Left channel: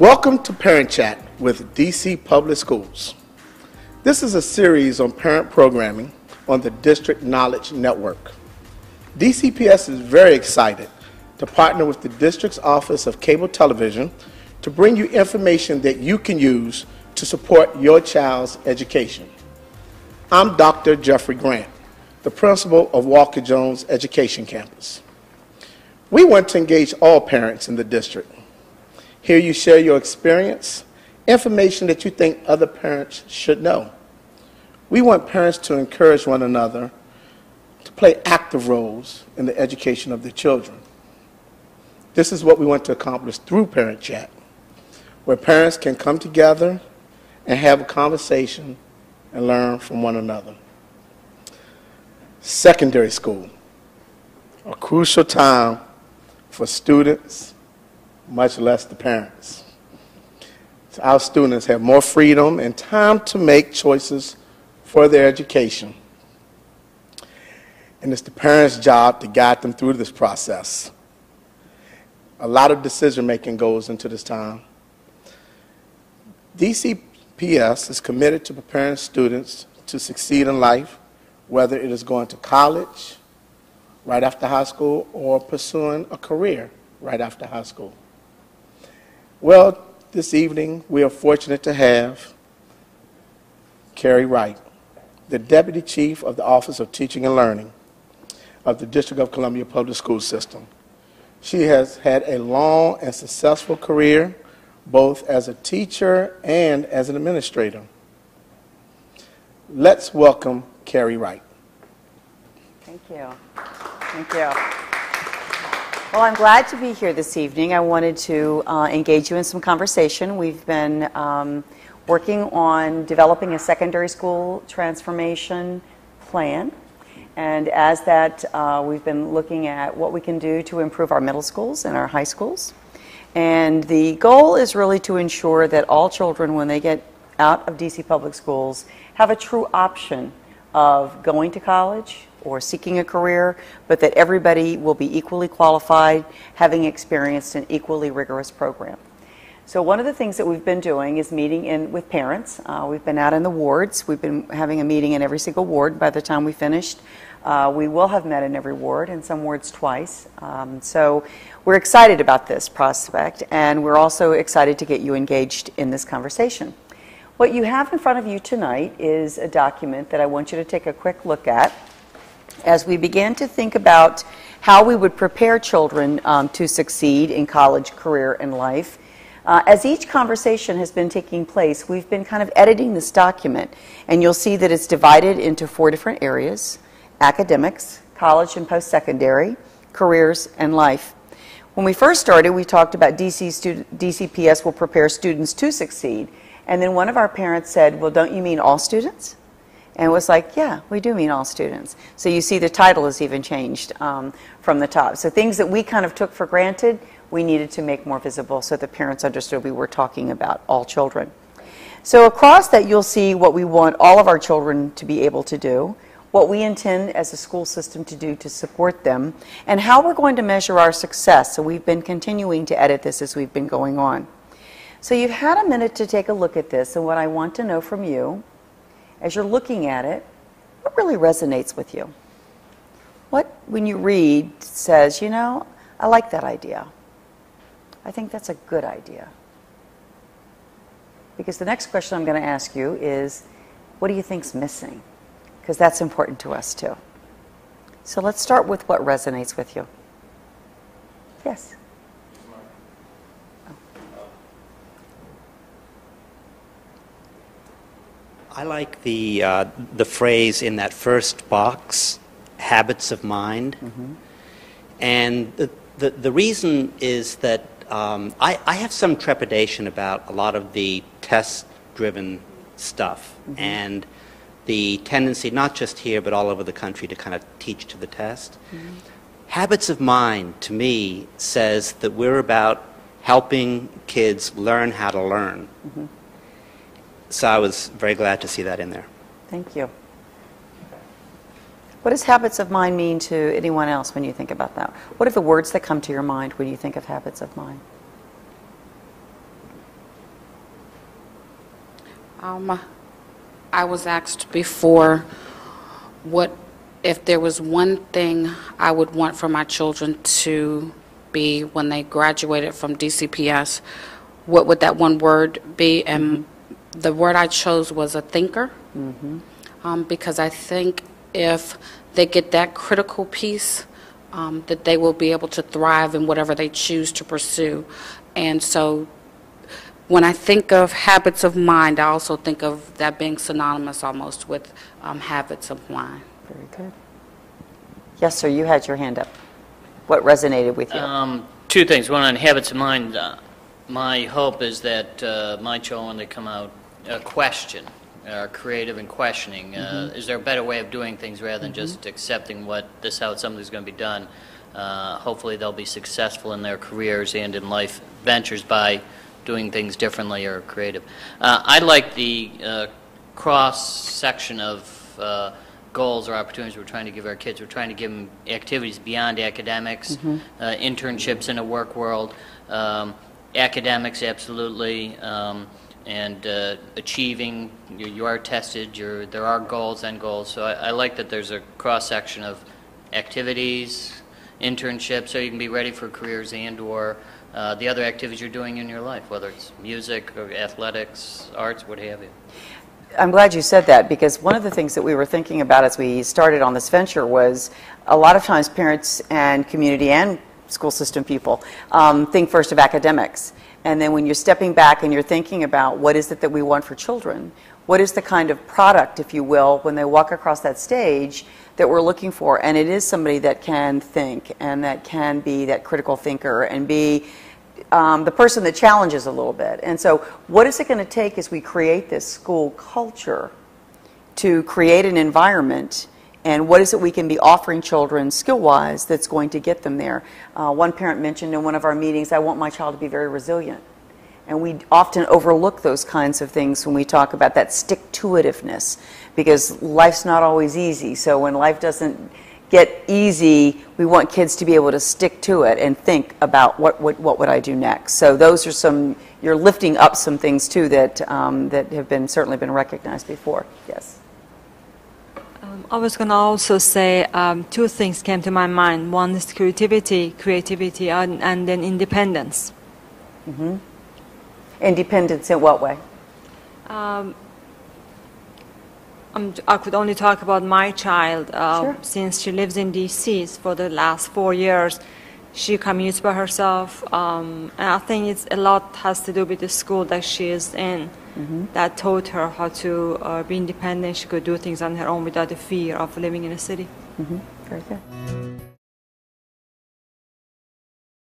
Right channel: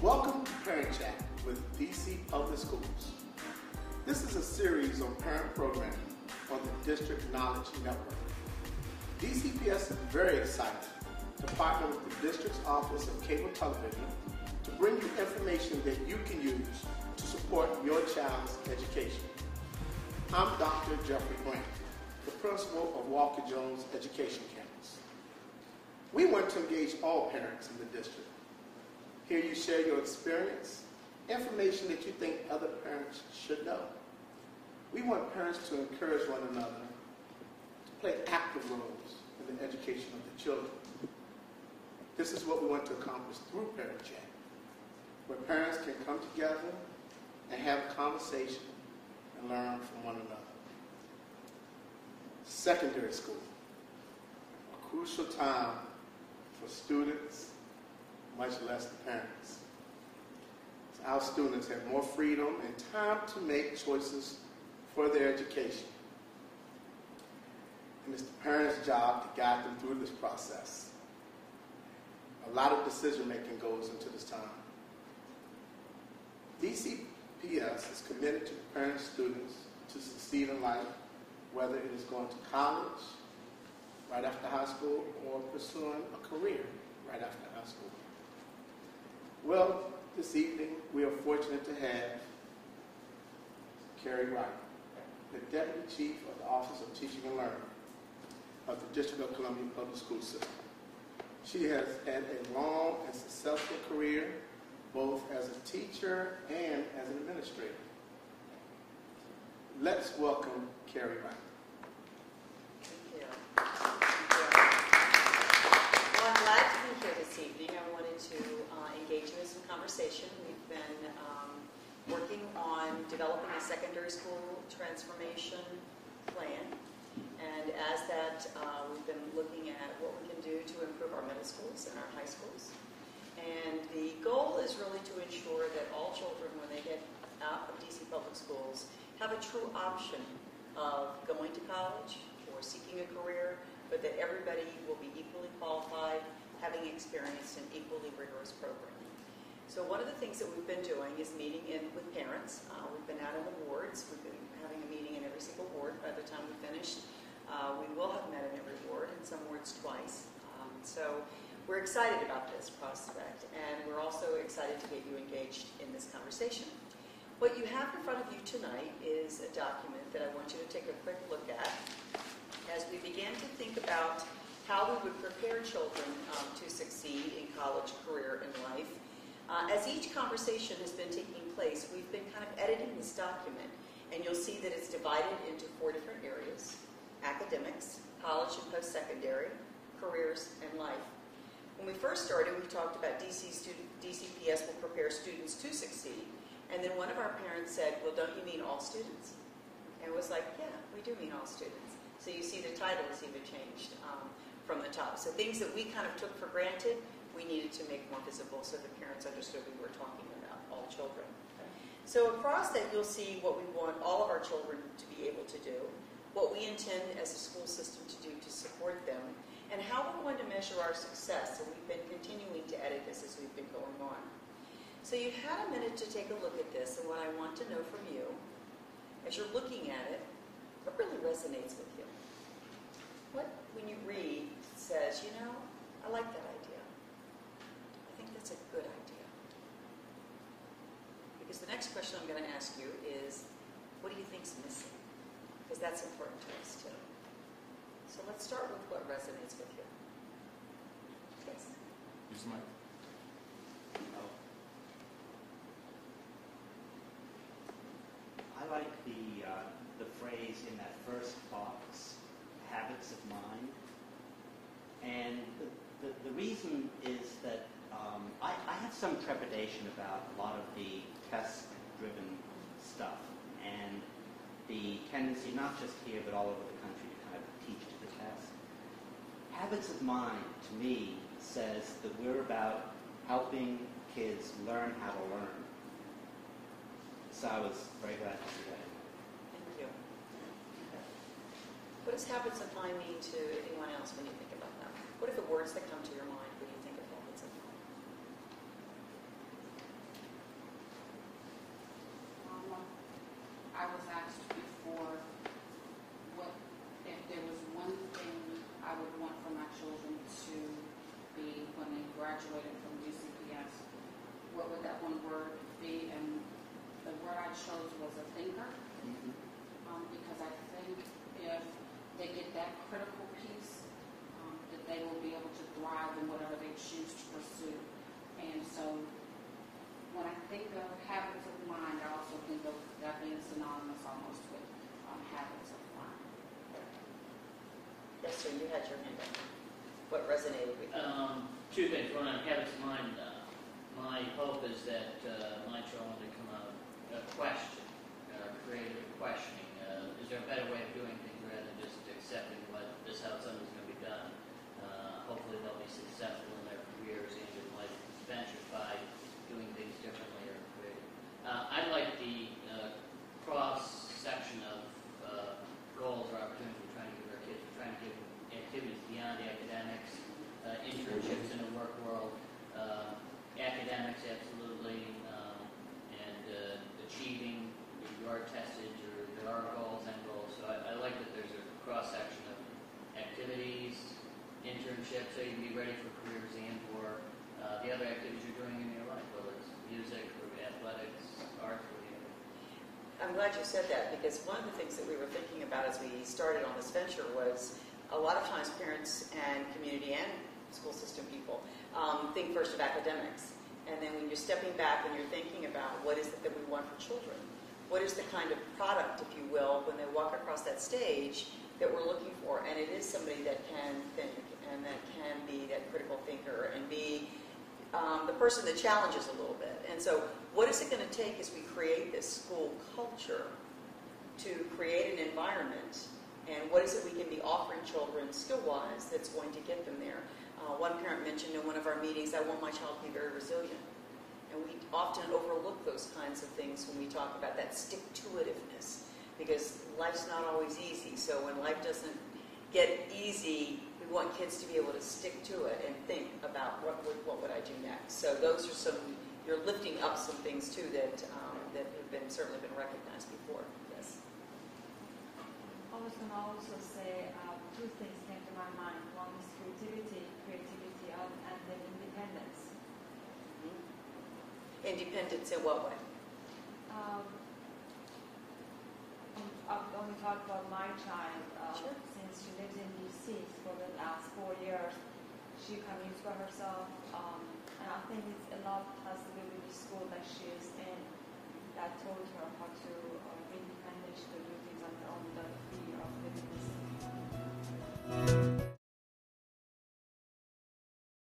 Welcome to Parent Chat with DC Public Schools. This is a series on parent programming on the District Knowledge Network. DCPS is very excited to partner with the District's Office of Cable Television to bring you information that you can use to support your child's education. I'm Dr. Jeffrey Grant, the principal of Walker Jones Education Campus. We want to engage all parents in the district. Here you share your experience, information that you think other parents should know. We want parents to encourage one another to play active roles in the education of their children. This is what we want to accomplish through Parent Chat, where parents can come together and have a conversation and learn from one another. Secondary school, a crucial time for students, much less the parents. So our students have more freedom and time to make choices for their education. And it's the parents' job to guide them through this process. A lot of decision-making goes into this time. DCPS is committed to preparing students to succeed in life, whether it is going to college right after high school or pursuing a career right after high school. Well, this evening we are fortunate to have Carey Wright, the Deputy Chief of the Office of Teaching and Learning of the District of Columbia Public School System. She has had a long and successful career, both as a teacher and as an administrator. Let's welcome Carey Wright. Thank you. Thank you. Well, I'm glad to be here this evening. I wanted to engage you in some conversation. We've been working on developing a secondary school transformation plan. And as that, we've been looking at what we can do to improve our middle schools and our high schools. And the goal is really to ensure that all children, when they get out of DC Public Schools, have a true option of going to college or seeking a career, but that everybody will be equally qualified, having experienced an equally rigorous program. So one of the things that we've been doing is meeting with parents. We've been out in the wards. We've been having a meeting in every single ward. By the time we finished, we will have met in every ward, in some wards twice. So we're excited about this prospect, and we're also excited to get you engaged in this conversation. What you have in front of you tonight is a document that I want you to take a quick look at as we begin to think about how we would prepare children to succeed in college, career, and life. As each conversation has been taking place, we've been kind of editing this document, and you'll see that it's divided into 4 different areas: academics, college and post-secondary, careers, and life. When we first started, we talked about DCPS will prepare students to succeed, and then one of our parents said, well, don't you mean all students? And it was like, yeah, we do mean all students. So you see the title is even changed from the top. So things that we kind of took for granted, we needed to make more visible so the parents understood we were talking about all children. So across that, you'll see what we want all of our children to be able to do, what we intend as a school system to do to support them, and how we're going to measure our success. So we've been continuing to edit this as we've been going on. So you've had a minute to take a look at this, and what I want to know from you, as you're looking at it, what really resonates with you? What, when you read, says, you know, I like that idea. I think that's a good idea. Because the next question I'm going to ask you is, what do you think's missing? Because that's important to us too. So let's start with what resonates with you. Yes? I like the phrase in that first box, habits of mind. Mm-hmm. And the reason is that I have some trepidation about a lot of the test-driven stuff, mm-hmm. and the tendency, not just here but all over the country, to kind of teach to the test. Mm-hmm. Habits of mind, to me, says that we're about helping kids learn how to learn. Mm-hmm. So I was very glad to see that in there. Thank you. What does habits of mind mean to anyone else when you think about that? What are the words that come to your mind when you think of habits of mind? I was asked before what if there was one thing I would want for my children to be when they graduated from DCPS, what would that one word be? And the word I chose was a thinker, because I think if they get that critical piece, that they will be able to thrive in whatever they choose to pursue. And so when I think of habits of mind, I also think of that being synonymous almost with habits of mind. Very good. Yes, sir, you had your hand up. What resonated with you? Two things. One on habits of mind. My hope is that my children, when they come out, question, are creative in questioning. Is there a better way of doing things rather than just accepting this how something's going to be done? Hopefully they'll be successful in their careers and in life ventures by doing things differently or creative. I like the cross-section of goals or opportunities we're trying to give our kids. We're trying to give them activities beyond academics, internships in a work world, academics absolutely, and achieving. You are tested. There are goals and goals. So I like that there's a cross-section of activities, internships, so you can be ready for careers and/or the other activities you're doing in your life, whether it's music or athletics, arts, what have you. I'm glad you said that, because one of the things that we were thinking about as we started on this venture was a lot of times parents and community and school system people think first of academics. And then when you're stepping back and you're thinking about what is it that we want for children, what is the kind of product, if you will, when they walk across that stage that we're looking for. And it is somebody that can think and that can be that critical thinker and be the person that challenges a little bit. And so what is it going to take as we create this school culture to create an environment, and what is it we can be offering children skill-wise that's going to get them there? One parent mentioned in one of our meetings, I want my child to be very resilient. And we often overlook those kinds of things when we talk about that stick-to-itiveness, because life's not always easy. So when life doesn't get easy, we want kids to be able to stick to it and think about what would I do next. So those are some, you're lifting up some things too that that have been certainly been recognized before. Yes. I was going to also say two things came to my mind. One is creativity, and then independence. Independence in what way? I could only talk about my child. Sure. Since she lives in D.C. for the last 4 years, she commutes by herself. And I think a lot has to do with the school that she is in, that taught her how to be independent. She could do things on her own without the fear of living in a city. Very good.